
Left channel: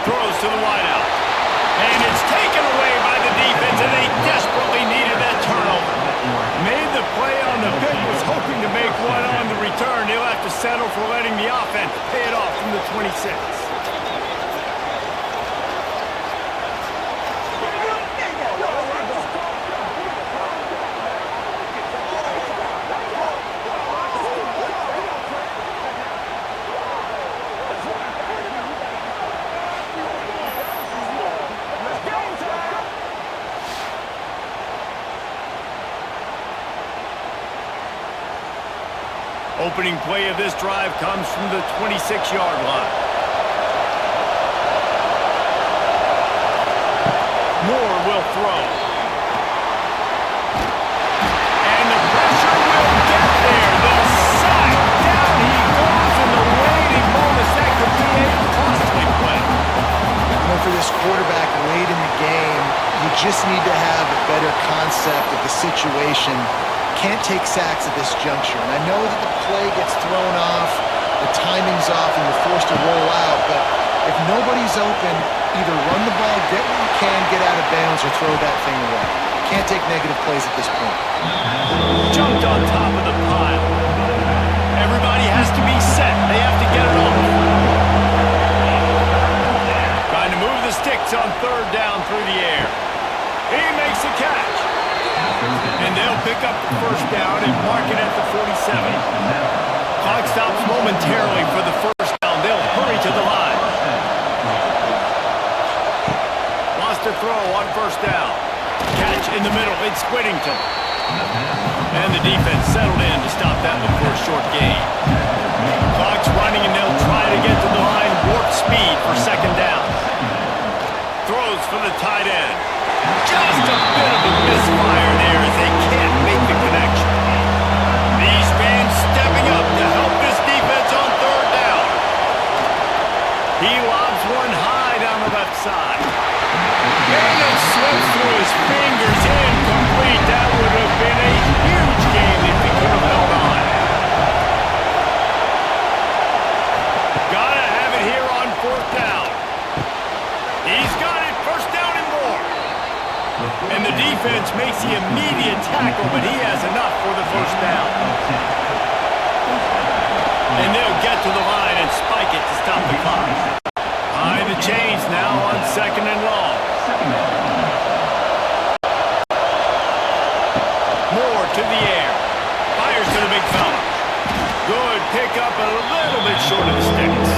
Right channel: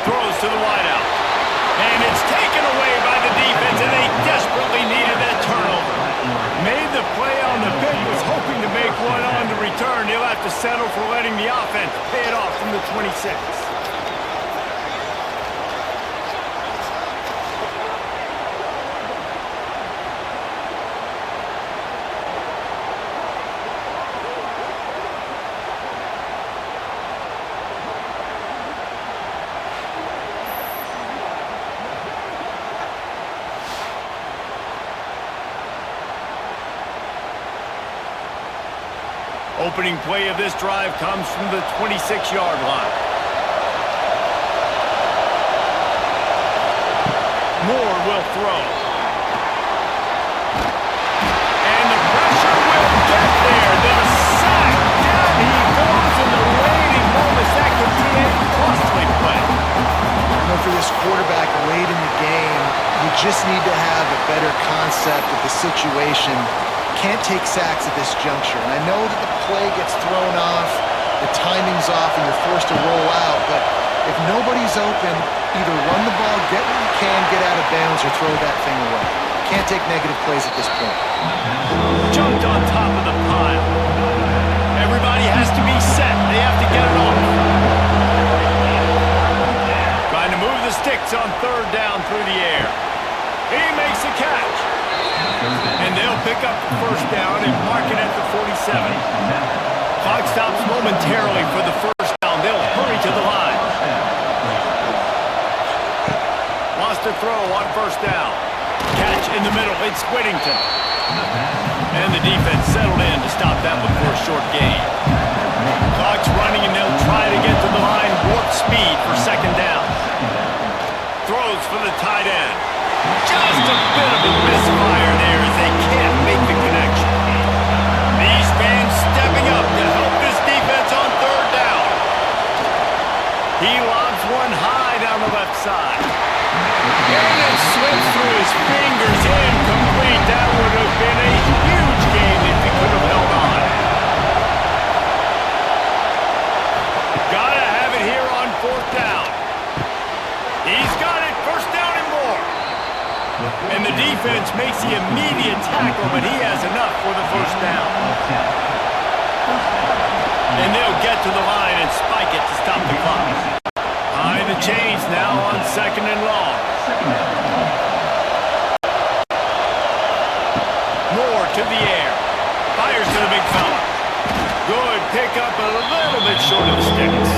Throws to the wideout. And it's taken away by the defense, and they desperately needed that turnover. Made the play on the pick, was hoping to make one on the return. He'll have to settle for letting the offense pay it off from the 26. Opening play of this drive comes from the 26-yard line. Moore will throw. And the pressure will get there. The sack. Down he goes in the waiting moments. That could be a costly play. For this quarterback late in the game, you just need to have a better concept of the situation. Can't take sacks at this juncture. And I know that the play gets thrown off, the timing's off, and you're forced to roll out. But if nobody's open, either run the ball, get what you can, get out of bounds, or throw that thing away. Can't take negative plays at this point. Jumped on top of the pile. Everybody has to be set. They have to get it off. Trying to move the sticks on third down through the air. He makes the catch. And they'll pick up the first down and mark it at the 47. Clock stops momentarily for the first down. They'll hurry to the line. Wants to throw on first down. Catch in the middle. It's Whittington. And the defense settled in to stop that one for a short gain. Clock's running, and they'll try to get to the line. Warp speed for second down. Throws for the tight end. Just a bit of a misfire there as they can't make the connection. These fans stepping up to help this defense on third down. He lobs one high down the left side. And it slips through his fingers. Incomplete. That would have been a huge game if he could have held on. Gotta have it here on fourth down. He's got it. First down and more. And the defense makes the immediate tackle, but he has enough for the first down. And they'll get to the line and spike it to stop the clock. High the chains now on second and long. Moore to the air. Fires to the big fella. Good pickup, a little bit short of the sticks.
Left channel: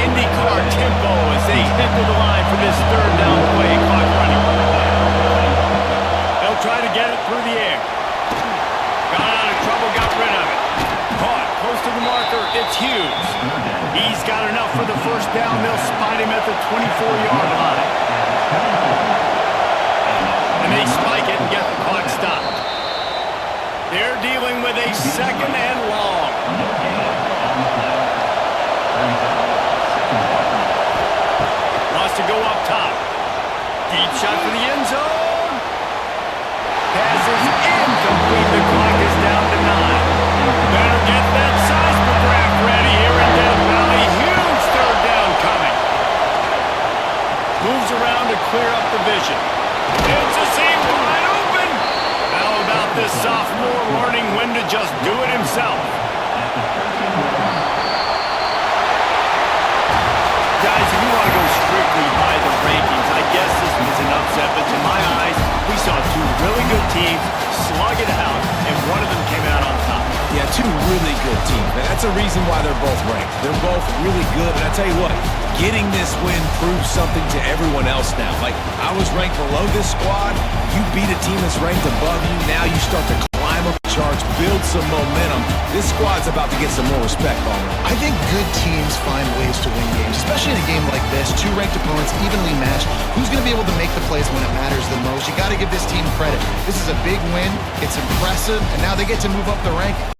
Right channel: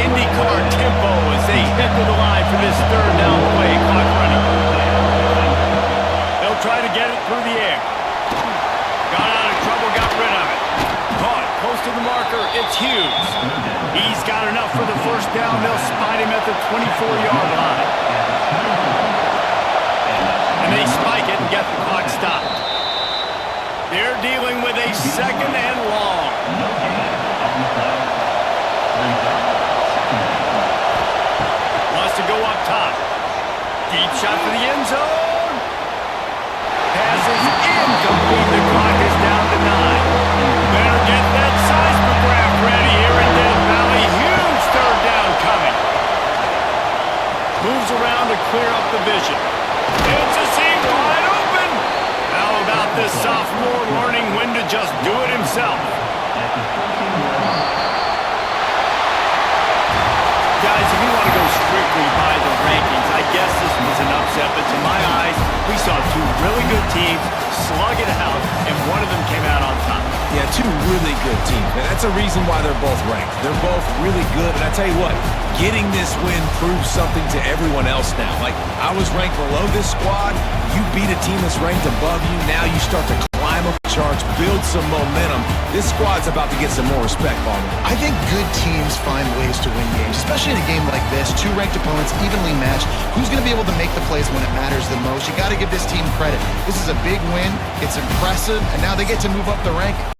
IndyCar tempo as they head to the line for this third down play. Clock running. They'll try to get it through the air. Got out of trouble, got rid of it. Caught, close to the marker, it's Hughes. He's got enough for the first down. They'll spot him at the 24-yard line. And they spike it and get the clock stopped. They're dealing with a second and long. Wants to go up top. Deep shot for the end zone. Pass is incomplete. The clock is down to 9. Better get that seismograph ready here in Death Valley. Huge third down coming. Moves around to clear up the vision. It's a seam wide open. How about this sophomore learning when to just do it himself? Guys, if you want to go strictly by the rankings, I guess this was an upset, but to my eyes, we saw two really good teams slug it out, and one of them came out on top. Yeah, two really good teams. And that's a reason why they're both ranked. They're both really good, and I tell you what, getting this win proves something to everyone else now. Like, I was ranked below this squad. You beat a team that's ranked above you. Now you start to climb up the charts, build some momentum. This squad's about to get some more respect, Ballman. I think good teams find ways to win games, especially in a game like this. Two ranked opponents, evenly matched. Who's going to be able to make the plays when it matters the most? You got to give this team credit. This is a big win. It's impressive, and now they get to move up the ranking.